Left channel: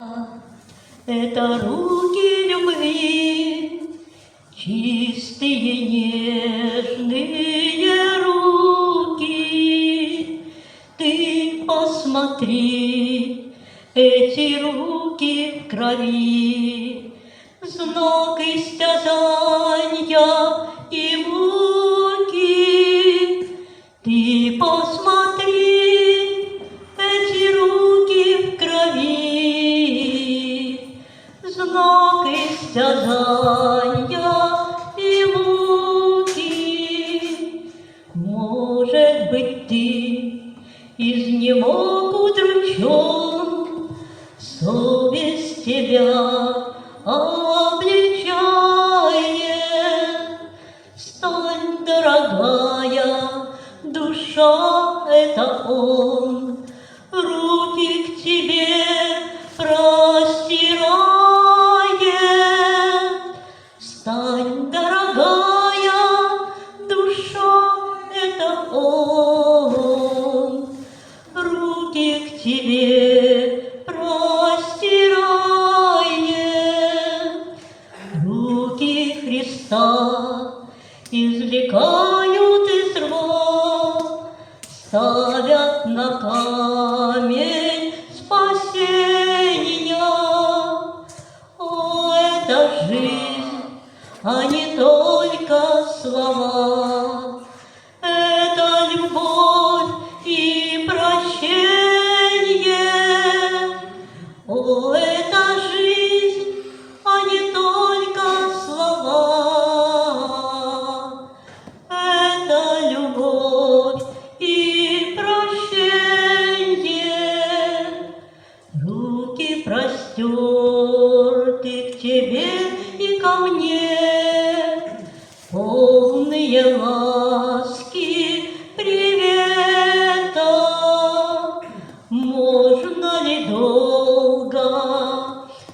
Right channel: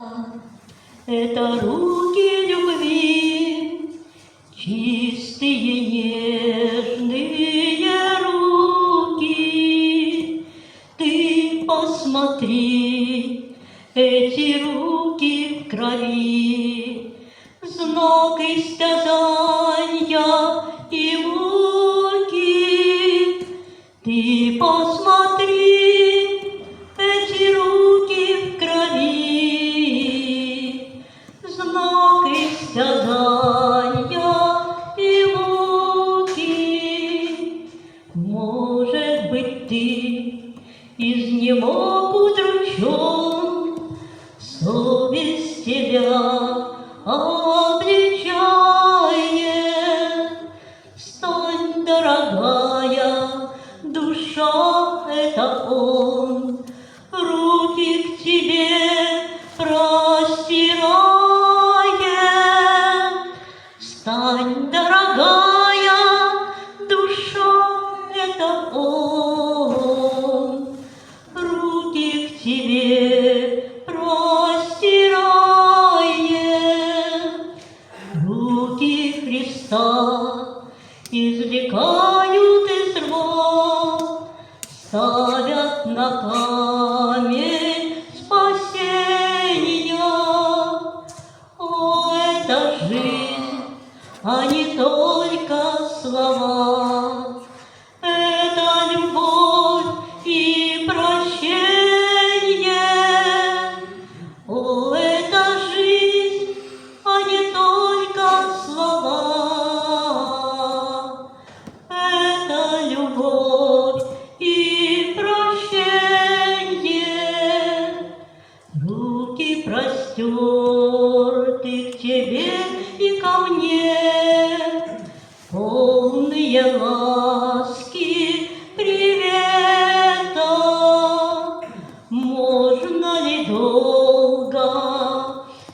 Это руки любви, чистые, нежные руки. Ты посмотри, эти руки в крови, знак истязания и муки. Ты посмотри, эти руки в крови, знак истязания и муки. Может быть, ты изнемог удручен, совесть тебя обличает. Стань, дорогая, душа — это Он, руки к тебе простирает. Стань, дорогая, душа — это Он, руки к тебе простирает. Руки Христа извлекают из рва, ставят на камень спасения. О, это жизнь, а не только слова. Это любовь и прощение. О, это жизнь, а не только слова. Это любовь и прощение. Руки простерты к тебе и ко мне, полные ласки привета. Можно ли долго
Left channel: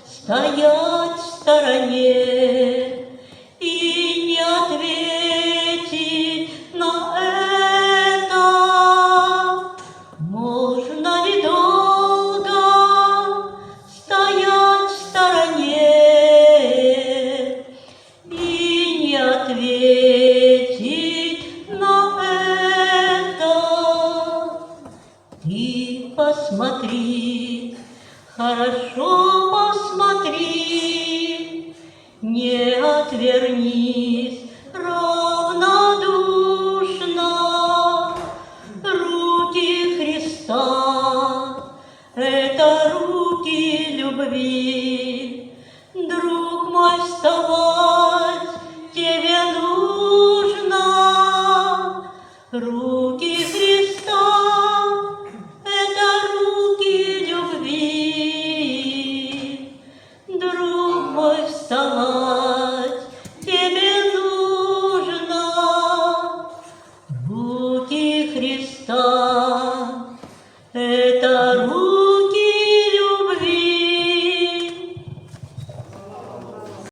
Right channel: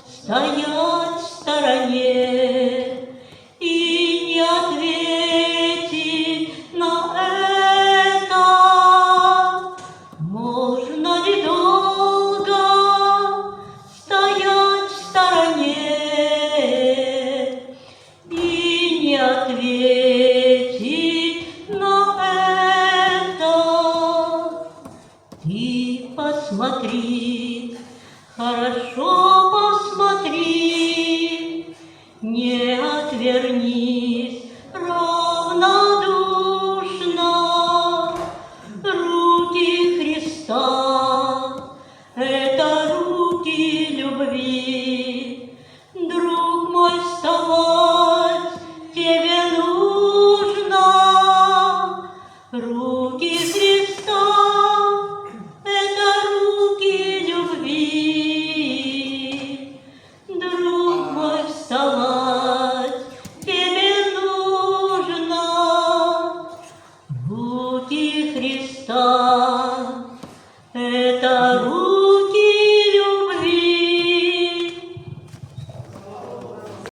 стоять в стороне и не ответить на это? Можно ли долго стоять в стороне и не ответить на это? Ты посмотри, хорошо посмотри, не отвернись равнодушно. Руки Христа — это руки любви. Друг мой, вставать тебе нужно. Руки Христа — это руки любви. Друг мой, вставать тебе нужно. Руки Христа